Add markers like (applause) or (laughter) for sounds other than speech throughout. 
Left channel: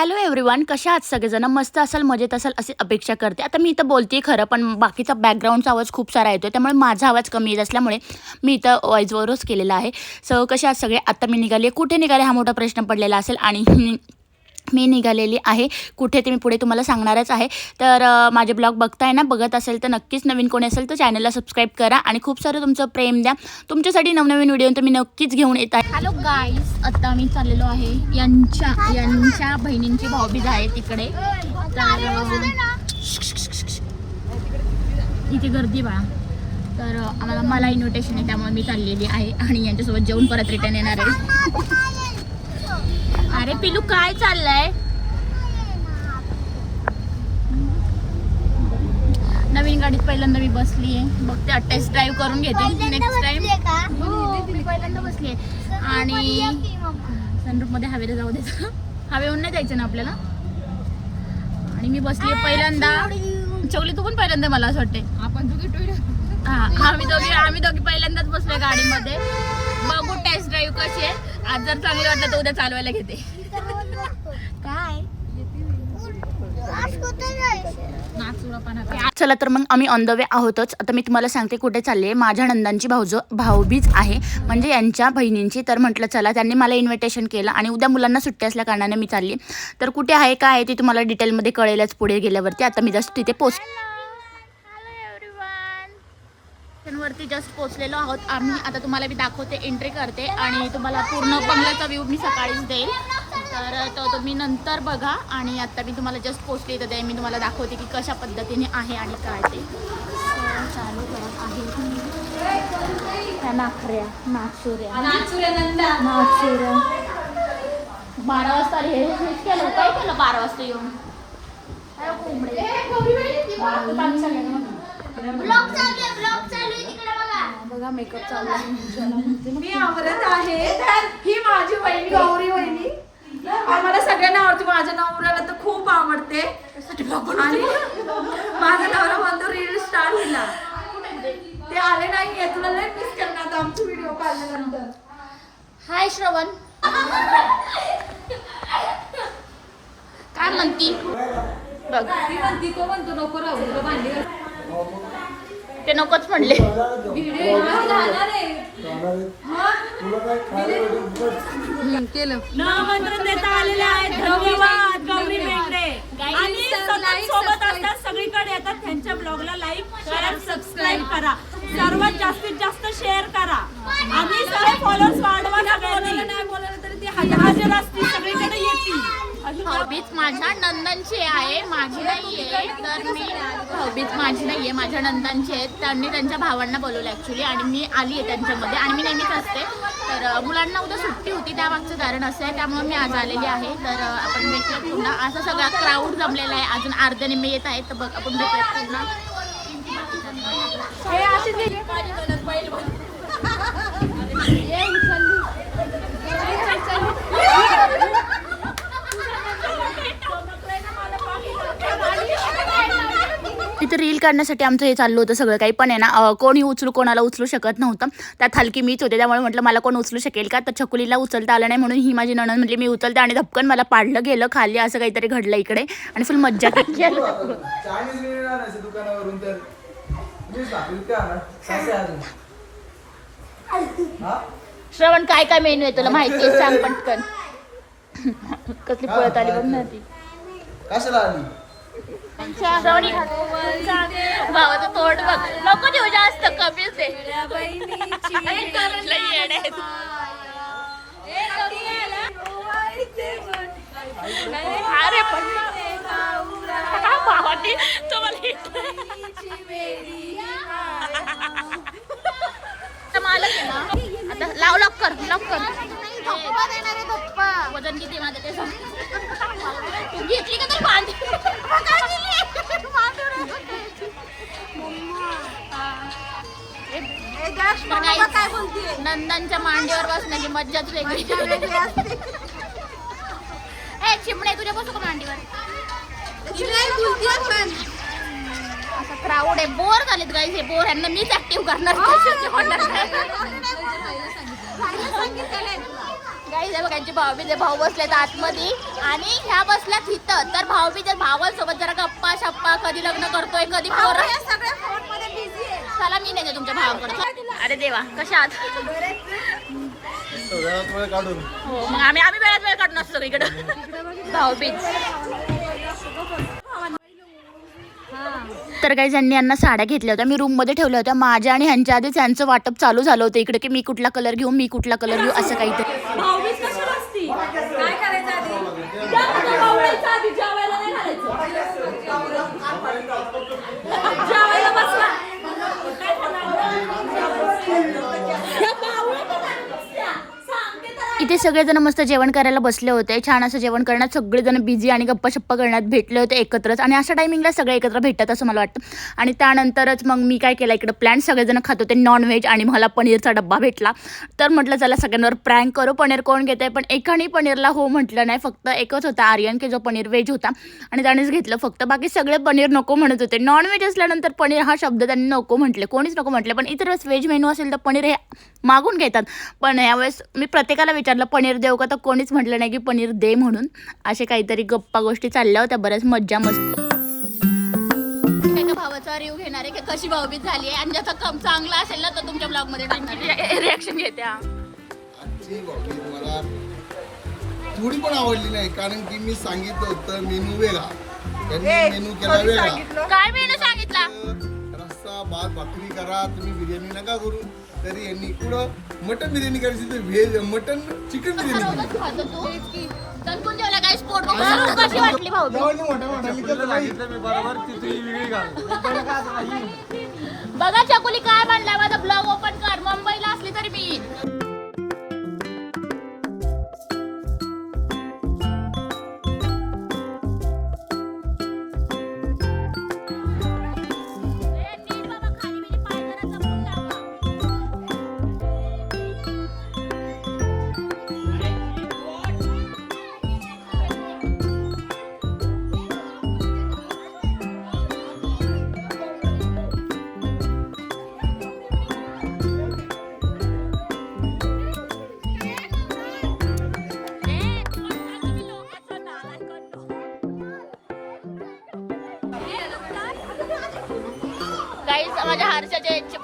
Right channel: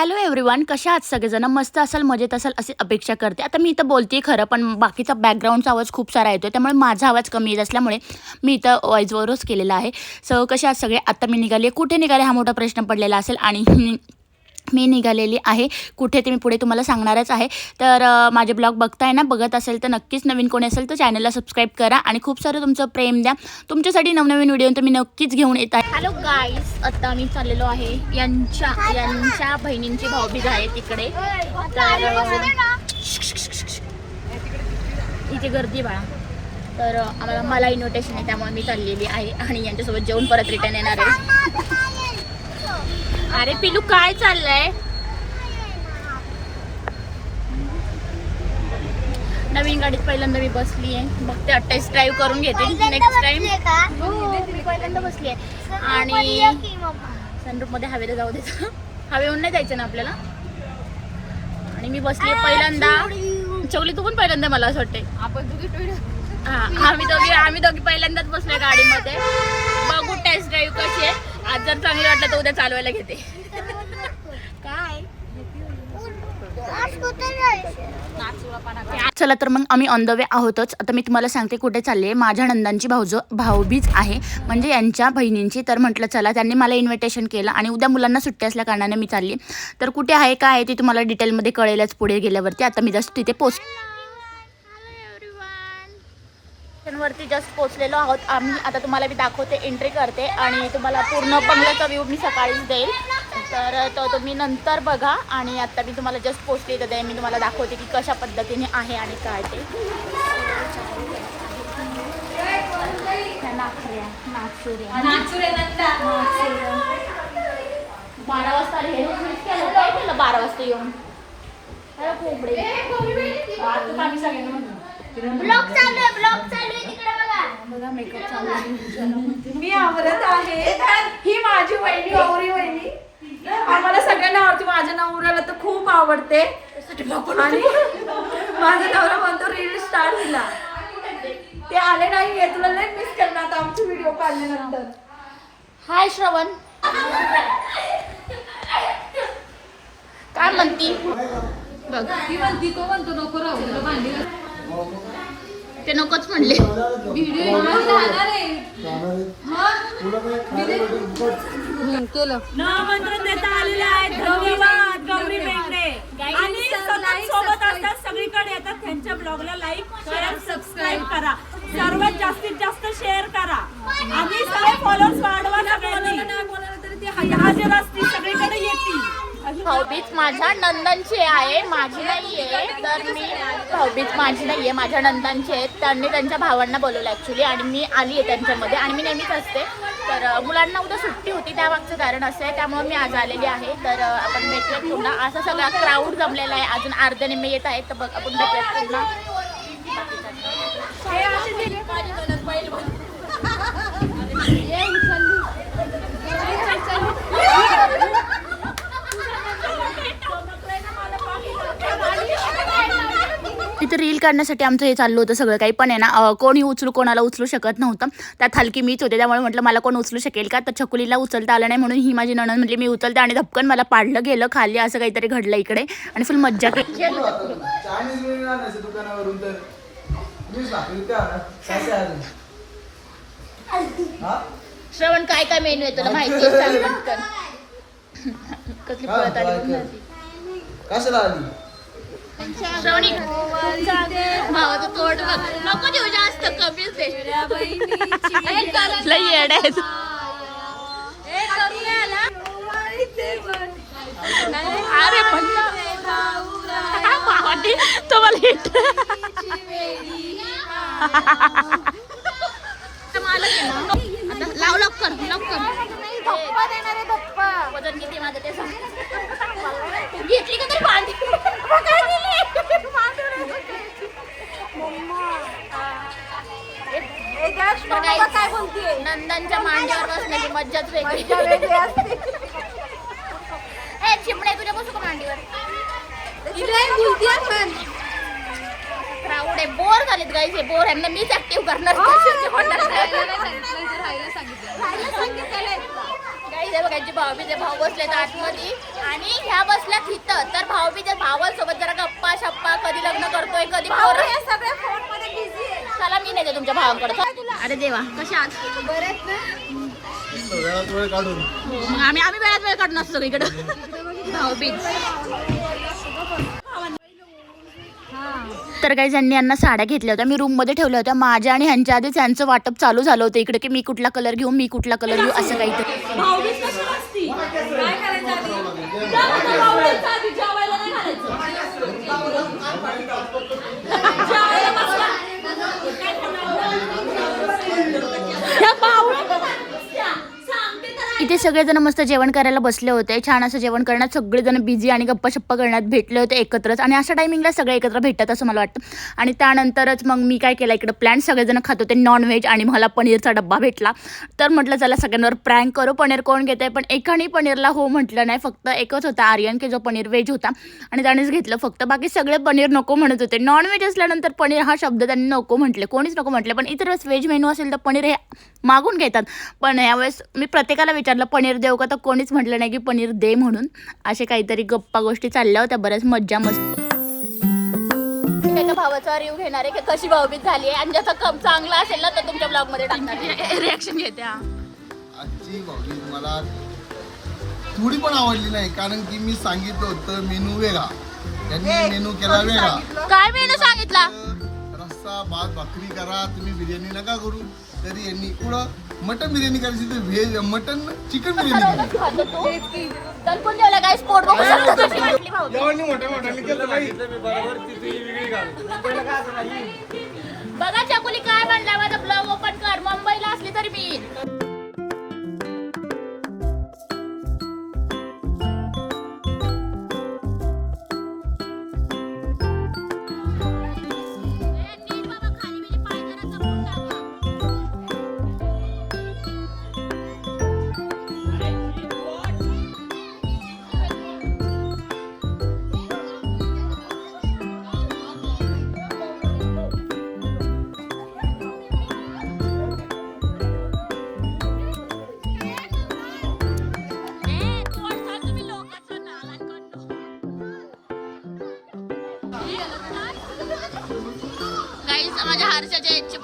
Hello everyone कशा आहात सगळेजण? मस्त असाल मजेत असाल अशी अपेक्षा करते. आता मी इथं बोलते खरं पण बाकीचा बॅकग्राऊंडचा आवाज खूप सारा येतो त्यामुळे माझा आवाज कमी येत असल्यामुळे मी इथं वॉईसवरच केलेला आहे. सो कशा आहात सगळे? आता मी निघाले कुठे निघाले? हा मोठा प्रश्न पडलेला असेल आणि मी निघालेली आहे. कुठे ते मी पुढे तुम्हाला सांगणारच आहे. तर माझे ब्लॉग बघताय ना बघत असेल तर नक्कीच नवीन कोणी असेल तर चॅनलला सबस्क्राईब करा आणि खूप सारं तुमचं प्रेम द्या. तुमच्यासाठी नवनवीन व्हिडिओ तर मी नक्कीच घेऊन येत आहे. हॅलो गाईज आता मी चाललेलो आहे. यांच्या यांच्या बहिणींची भाऊबीज आहे तिकडे तर इथे गर्दी बाळा. तर आम्हाला मला इन्व्हिटेशन आहे त्यामुळे मी चाललेली आहे आणि यांच्यासोबत जेवण परत रिटर्न येणार आहे. अरे पिलू काय चाललंय? नवीन गाडीत पहिल्यांदा मी बसली आहे बघ ते टेस्ट ड्राईव्ह करून घेते. नेक्स्ट टाइम मी पहिल्यांदा बसली आहे आणि सनरूफमध्ये हवेला जाऊ देत हवेहून नाही जायचं ना आपल्याला? आणि मी बसली पहिल्यांदा. चवली तू पण पहिल्यांदा मला असं वाटते आपण हा आम्ही दोघी आम्ही दोघी पहिल्यांदाच बसलोय गाडीमध्ये. बघू टेस्ट ड्राईव्ह कशी आहे. आज जर चांगलं वाटलं तर उद्या चालवायला घेते. काय? चला तर मग आम्ही ऑन द वे आहोतच. आता मी तुम्हाला सांगते कुठे चालले माझ्या नंदांची भाऊज भाऊबीज आहे. म्हणजे यांच्या बहिणींची. तर म्हटलं चला त्यांनी मला इन्व्हिटेशन केलं आणि उद्या मुलांना सुट्टी असल्या कारणाने मी चालली तर कुठे आहे काय आहे ते तुम्हाला डिटेलमध्ये कळेलच पुढे गेल्यावरती. आता मी जस्ट तिथे पोच वरती जस्ट पोचलेलो आहोत. आम्ही आता तुम्हाला मी दाखवते एंट्री करते आणि तुम्हाला पूर्ण बंगल्याचा व्ह्यू मी सकाळीच देईल. तर तो तुम्ही नंतर बघा आणि आता मी तुम्हाला जस्ट पोचले तर मी तुम्हाला दाखवते की कशा पद्धतीने आहे आणि काय ते. चालू आहे. बारा वाजता. हेच केलं, काय केलं बारा वाजता येऊन अरे कोंबडे बघा मेकअप चालू आहे. मी आवडत आहे. ही माझी वहिनी गौरी वहिनी. आम्हाला सगळ्यांना आवडते. माझ्या नवऱ्याला तर खूप आवडते. आणि माझा नवरा म्हणतो रील स्टार हिला. ते आले नाही तुला लय मिस करणार आता आमची व्हिडिओ काढल्यानंतर हाय श्रवण. काय म्हणती? बघ ती म्हणती को म्हणतो नको राहू तुला भांडी ते नकोच म्हणले. व्हिडिओ जाणार आहे केलं आमंत्रण देता आलेले आहेत धन्यवाद गौरी मेंढरे आणि सतत सोबत असतात सगळीकडे. येतात त्यांच्या ब्लॉगला लाईक शेअर सबस्क्राईब करा. सर्वात जास्तीत जास्त शेअर करा. आणि सगळे फॉलोअर्स वाढवा सगळ्यांनी. नाही बोलायला तरी ती हजर असतील भाऊबीज माझ्या नंदांची आहे माझी नाही आहे तर मी भाऊबीज माझी नाही आहे माझ्या नंदांची आहेत त्यांनी त्यांच्या भावांना बोलवलं ॲक्च्युली आणि मी आली आहे त्यांच्यामध्ये आणि मी नेहमीच असते. तर मुलांना उद्या सुट्टी होती त्या मागचं कारण असं आहे त्यामुळे मी आज आलेली आहे. तर आपण भेटूयात पुन्हा. असा सगळा क्राऊड जमलेला आहे. अजून अर्ध्या निम्मे येत आहेत तर बघ आपण भेटूयात पुन्हा (laughs) (laughs) रील काढण्यासाठी आमचं हे चाललं होतं सगळं काही. पण आहे ना कोणी उचलू कोणाला उचलू शकत नव्हतं. त्यात हलकी मीच होते. त्यामुळे म्हटलं मला कोण उचलू शकेल का? तर छकुलीला उचलता आलं नाही म्हणून ही माझी नणन म्हटली मी उचलते आणि धपकन मला पाडलं गेलं खाली असं काहीतरी घडलं इकडे. आणि फुल मज्जा केली. हा? श्रवण काय काय मेनू आहे तुला माहिती? आहे? सांग पटकन. कसली आली? श्रावणी. भावाचं तोंड बघ. नको देऊ जास्त कमीच दे. लई येडं आहे. तू. अरे पण भावाने तो मला hit. आता मला दे ना. आता लाव लवकर लवकर. धप्पा देणार आहे धप्पा. वजन किती माझं ते सांग तू घेतली का तरी भांडी? काय बोलते नंदांच्या मांडीवर बसण्याची मज्जाच वेगळी. ए चिमणे तुझ्या बसू का मांडीवर? प्राऊड आहे. बोर झालेत गाईस हे बोर. यांना मीच ऍक्टिव्ह करणार कशाचे होणार नाही. गाईस हे बघा यांचे भाऊ बी भाऊ बसलेत आतमध्ये. आणि ह्या बसल्या तिथं तर भाऊ बी भावांसोबत जरा गप्पा शप्पा कधी लग्न करतोय कधी पोरं सगळे फोनमध्ये बिझी चला मी नाही तुमच्या भावाकडे. अरे देवा कशा आहात? वेळात वेळ काढून. हो मग आम्ही आम्ही वेळात वेळ काढून असतो इकडे. भाऊबीज. तर काही जणांनी यांना साड्या घेतल्या होत्या. मी रूममध्ये ठेवल्या होत्या. माझ्या आणि ह्यांच्या आधीच यांचं वाटप चालू झालं होतं इकडे की मी कुठला कलर घेऊ मी कुठला कलर घेऊ असं काहीतरी. Bhaubeej Thank you. इथे सगळेजण मस्त जेवण करायला बसले होते. छान असं जेवण करण्यात सगळेजण बिझी आणि गप्पा शप्पा करण्यात भेटले होते एकत्रच. आणि अशा टायमिंगला सगळे एकत्र भेटतात असं मला वाटतं. आणि त्यानंतरच मग मी काय केलं इकडं प्लॅन सगळेजण खात होते नॉनव्हेज आणि मला पनीरचा डब्बा भेटला. तर म्हटलं चला सगळ्यांवर प्रँक करू. पनीर कोण घेते पण एकाने पनीरला हो म्हटलं नाही. फक्त एकच होता आर्यन की जो पनीर व्हेज होता. आणि त्यानेच घेतलं. फक्त बाकी सगळे पनीर नको म्हणत होते. नॉनव्हेज असल्यानंतर पनीर हा शब्द त्यांनी नको म्हटले. कोणीच नको म्हटले. पण इतर वेळेस व्हेज मेनू असेल तर पनीर हे मागून घेतात. पण यावेळेस मी प्रत्येकाला विचारलं पनीर देऊ का? तर कोणीच म्हटलं नाही की पनीर दे म्हणून. असे काहीतरी गप्पा गोष्टी चालल्या होत्या बऱ्याच मज्जा मस्त. एका भावाचा रिव्ह घेणार आहे की कशी भाऊबीज झाली आहे. आणि ज्याचा कम चांगला असेल ना तर तुमच्या ब्लॉगमध्ये टाकणार रिॲक्शन (laughs) घेते हा. आजची भाऊबीज मला थोडी पण आवडली नाही कारण की मी सांगितलं होतं मेनू वेगळा. त्यांनी मेनू केला वेगळा. काय मेनू सांगितला? रस्सा भात भाकरी करा तुम्ही बिर्याणी नका करू. तरी यांनी पुढं मटन बिर्याणी करायची तर व्हेज मटन चिकन बिर्याणी. केली. खातो तू? दणकून जेवला काय स्पोर्ट बघू शकतो कशी वाटली भाऊबीज? जेवणी मोठ्या मोठ्याने केलं सांगितलं मी बरोबर ती तुझी वेगळी घाल मुंबईला काय असं नाही. बघा चकुली काय म्हणला माझा ब्लॉग ओपन कर. मुंबईला असली तरी मी. येईन. गाईज माझ्या हर्षाच्या इच्छे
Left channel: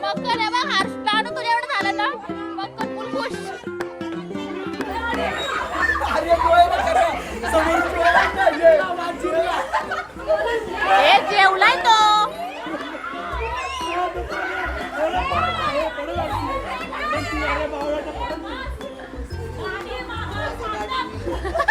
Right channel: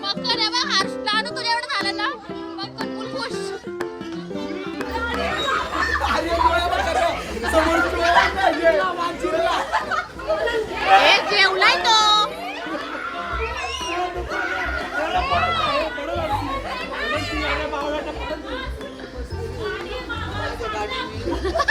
मग कर बा हर्ष नाणू तुझ्या एवढं झालं ना? मग कर फुल खुश हे जेवलाय तो. Ha ha ha!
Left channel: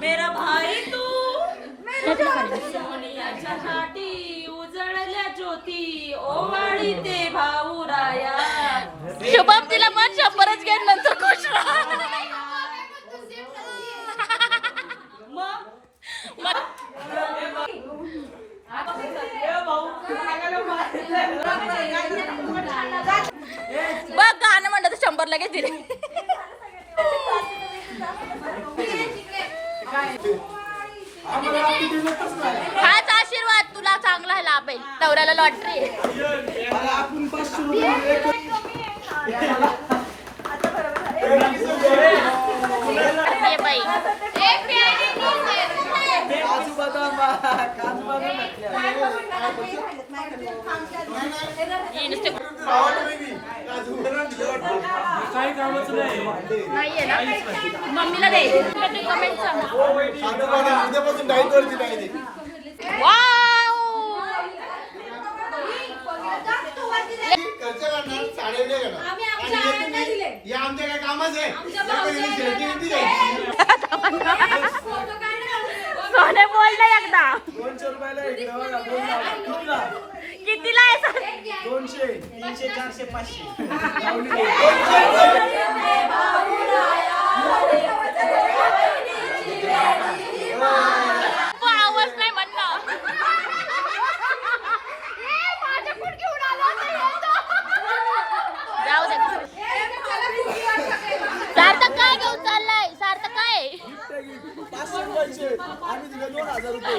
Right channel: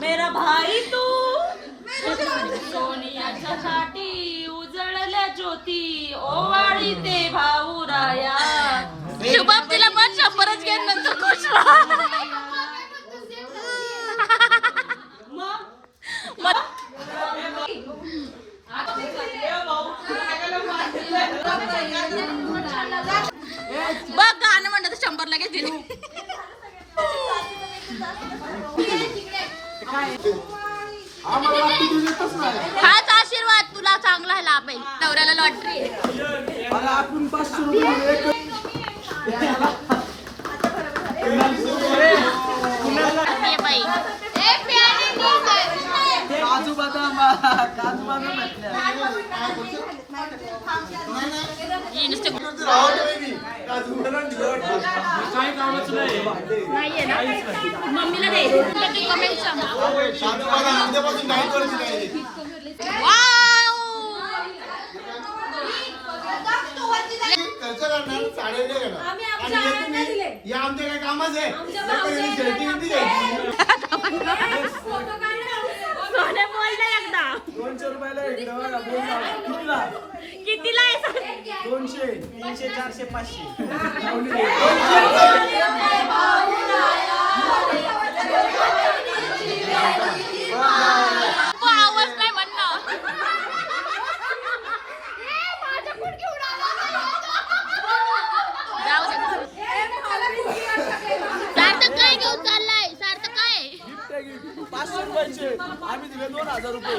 मेरा भाई तू? सोनियाच्या छाटी उजळल्या ज्योती ओवाळी ते भाऊ राया. शुभम तिला पण शंभरच घेईन नंतर खुश बघ गाणं म्हणलं तर शंभर लगेच दिले हाच आशीर्वाद तुला चांगला लाभ आहे नवऱ्याला लॉटरी ही काही कामाचं नाही. नाहीये ना? मम्मीला दे. कमेंट सांग. उद्यापासून डाईट वरची डाईट वाव करणार साडे हे हे आमच्या काय कामच. आहे हे सोने बोल ना एकदा. दोनशे रुपयाला. कितीला? दोनशे. तीनशे चारशे पाचशे आवाज नाही म्हणणं जाऊ दे सार्थक काय घेऊन चाललाय सार्थक काय पाचशे रुपयाचे. आम्ही दिले दोन हजार रुपये.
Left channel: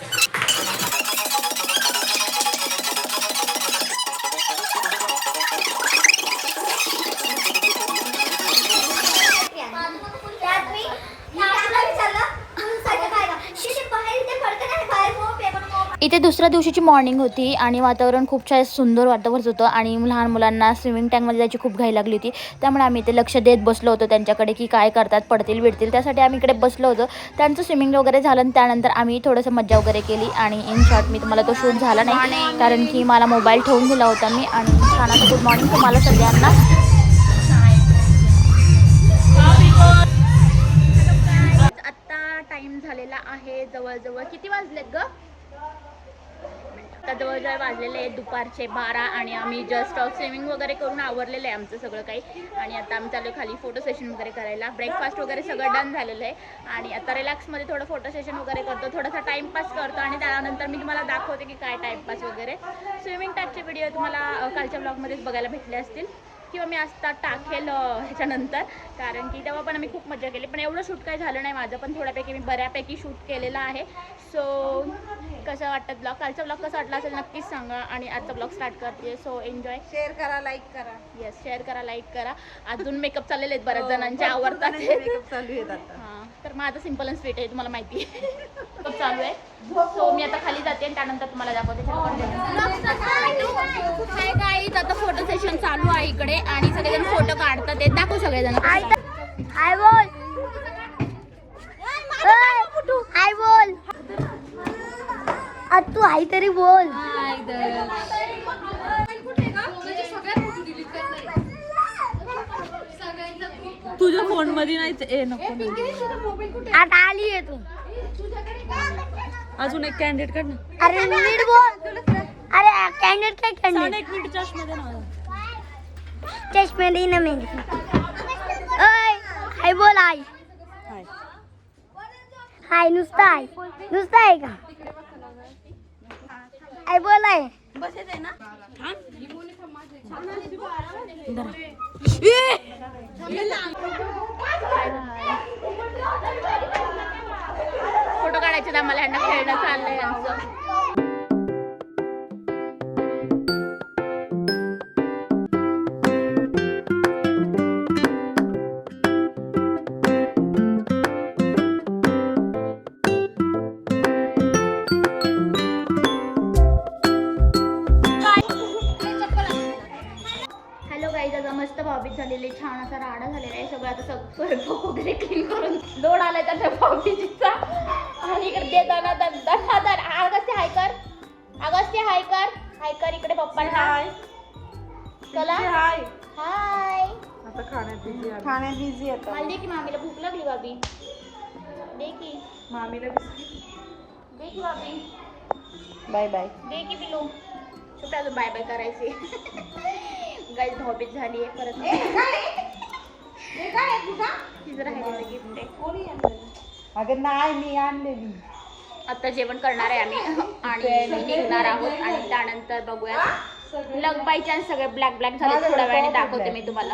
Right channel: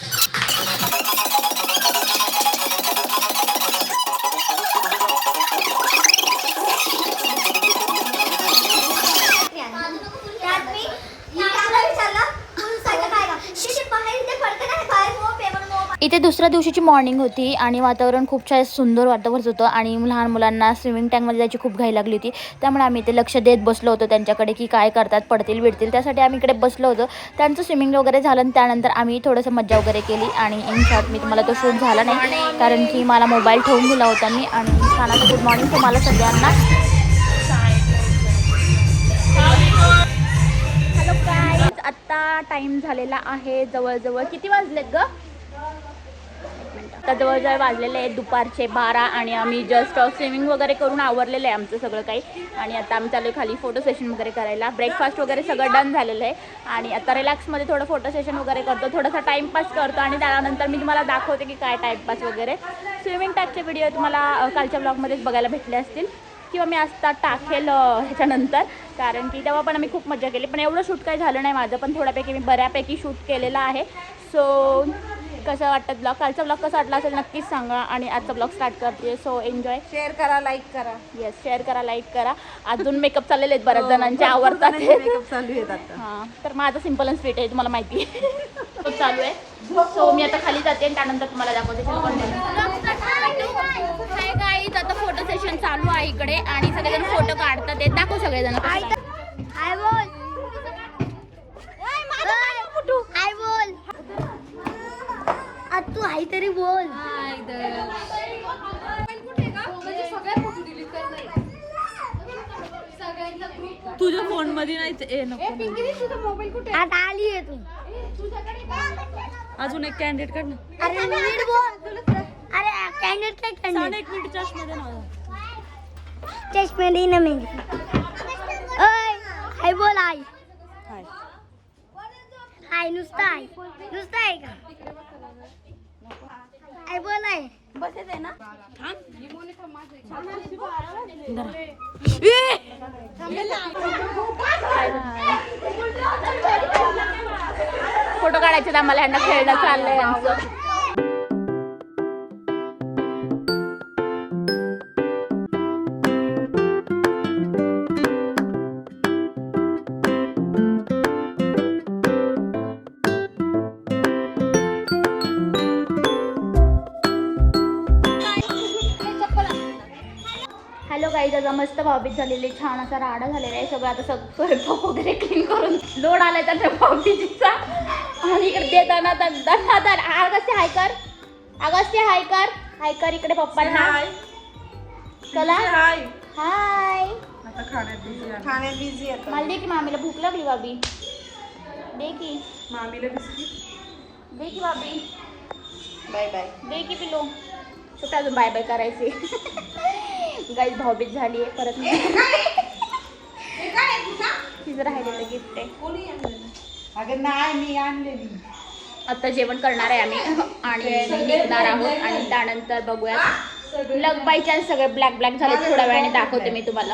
इथे दुसऱ्या दिवशीची मॉर्निंग होती आणि वातावरण खूप छान सुंदर वातावरण होतं. आणि लहान मुलांना स्विमिंग टँकमध्ये जायची खूप घाई लागली होती. त्यामुळे आम्ही इथे लक्ष देत बसलो होतो त्यांच्याकडे की काय करतात पडतील बिडतील त्यासाठी आम्ही इकडे बसलो होतो. त्यांचं स्विमिंग वगैरे झालं आणि त्यानंतर आम्ही थोडंसं मज्जा वगैरे केली. आणि इन शॉर्ट मी तुम्हाला तो शूट झाला नाही. कारण की मला मोबाईल ठेवून दिला होता मी. आणि छान असं गुड मॉर्निंग तुम्हाला सगळ्यांना. आत्ता टाइम झालेला आहे जवळजवळ किती वाजलेत ग? आता जवळजवळ वाजलेले आहेत दुपारचे बारा आणि आम्ही जस्ट स्विमिंग uh, वगैरे करून आवरलेलं आहे आमचं सगळं काही. आणि आता आम्ही चालू आहे खाली फोटो सेशन वगैरे करायला. ब्रेकफास्ट वगैरे सगळं डन झालेलं आहे. आणि आता रिलॅक्समध्ये थोडं फोटो सेशन वगैरे करतो. थोडासा टाईमपास करतो आणि त्यानंतर मी तुम्हाला दाखवते की काय टाईमपास वगैरे. स्विमिंग टाईपचे व्हिडिओ तुम्हाला uh, कालच्या ब्लॉगमध्येच बघायला भेटले असतील. किंवा मी आता टाकेल ह्याच्यानंतर. कारण की तेव्हा पण आम्ही खूप मजा केली. पण एवढं शूट काही झालं नाही माझं. पण थोड्यापैकी मी बऱ्यापैकी शूट केलेलं आहे. सो कसं वाटतं ब्लॉग? कालचा ब्लॉग कसा वाटला असेल नक्कीच सांगा. आणि आजचा ब्लॉग स्टार्ट करते. So enjoy. शेअर करा लाईक करा. येस शेअर करा लाईक करा. अजून मेकअप चाललेले आहेत बऱ्याच जणांचे. आवडतात हां तर माझं सिंपल अँड स्वीट आहे तुम्हाला माहिती आहे. (laughs) चालू आहे. सो मी आता खाली जाते आणि त्यानंतर तुम्हाला दाखवते. कंटिन्यू हाय गाईज आता फोटो सेशन चालू आहे इकडे आणि सगळेजण फोटो काढतात. ते दाखव सगळेजण हाय बोल. हाय बोल. आज तू हाय तरी बोल. तुझ्या फोनमध्ये नाही ते- ए नको. आता आली आहे तू. अजून एक कॅन्डिडेट काढ ना. अरे नीट बोल. कॅन्डिडेट काय कॅन्डिडेट एक मिनिट चष्मध्ये ना चष्मे ना मेहंदी ओय हाय बोल हाय. हाय नुसतं हाय नुसतं आहे का? हाय बोल आहे फोटो काढायचे आम्हाला ह्यांना खेळणं चाललंय. आमचं आता मस्त भावबीत झालेली छान असा राडा झालेला आहे सगळं. आता सगळं स्वयंपाक वगैरे क्लीन करून लोड आलाय तर त्या भावबीजीचा आणि देताना तर दर अगस्ते हाय कर. अगस्ते हाय कर. हाय कर इकडे पप्पा हाय. चला. हाय. हाय. आता खाण्यात खाण्यात बिझी आहे मला दे की मामीला भूक लागली बाबी दे की. मामीला बिझी दे की बाबी बाय बाय दे की कुठं अजून बाय बाय करायची गाईज भावबीत झाली आहे परत तिचं राहिलेलं गिफ्ट आहे अगं नाही मी आणलेली. आता जेवण करणार आहे आम्ही आणि निघणार आहोत आणि त्यानंतर बघूयात. लग बाय चान्स सगळे ब्लॅक ब्लॅक झाले थोड्या वेळाने दाखवते मी तुम्हाला.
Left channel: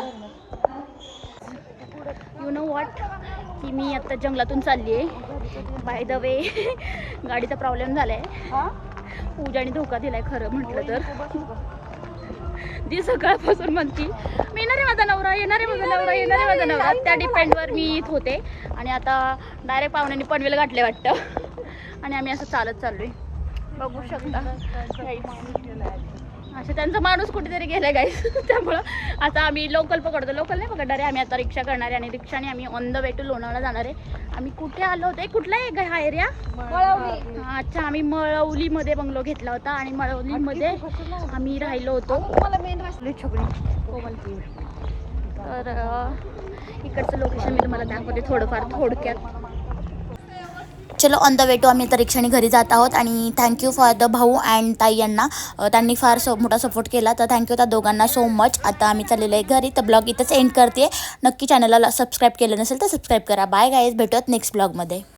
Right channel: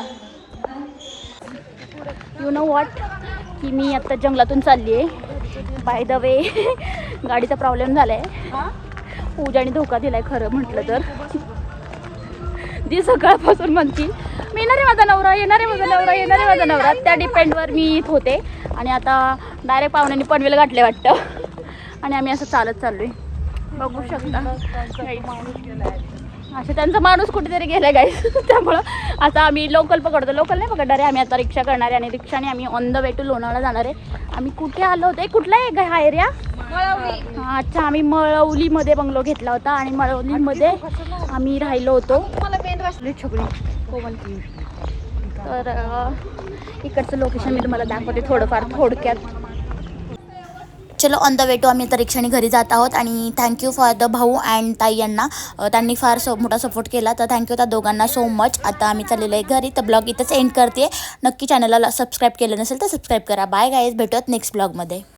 यु नो वॉट की मी आता जंगलातून चालली आहे. बाय द वे गाडीचा प्रॉब्लेम झाला आहे पूजाने धोका दिलाय खरं म्हटलं तर. जी सकाळपासून म्हणती मी येणार आहे माझा नवरा येणार आहे माझा नवरा येणार आहे माझा नवरा. त्या डिपेंडवर मी इथं होते. आणि आता डायरेक्ट पाहुण्यांनी पनवेल गाठले वाटतं. आणि आम्ही असं चालत चाललोय. बघू शकता. अच्छा त्यांचा माणूस कुठेतरी गेलाय गाईस (laughs) त्यामुळं आता आम्ही लोकल पकडतो. लोकल नाही पकडणार आहे आम्ही आता रिक्षा करणार आहे आणि रिक्षाने आम्ही on the way to Lonavala जाणार आहे. आम्ही कुठे आलो होतो? कुठला आहे हा एरिया अच्छा आम्ही मळवलीमध्ये बंगलो घेतला होता आणि मळवलीमध्ये आम्ही राहिलो होतो. छकडी कोमलती तर इकडचं लोकेशन मी तुम्हाला दाखवते थोडंफार थोडक्यात. चलो ऑन द वे टू आम्ही आता रिक्षाने घरी जात आहोत आणि थँक्यू फॉर द भाऊ अँड ताई यांना. त्यांनी फार सो मोठा सपोर्ट केला. तर थँक्यू त्या दोघांना सो मच आता आम्ही चाललेलो आहे घरी. तर ब्लॉग इथंच एंड करते. नक्की चॅनलला सबस्क्राईब केलं नसेल तर सबस्क्राईब करा. बाय गाईज भेटूयात नेक्स्ट ब्लॉगमध्ये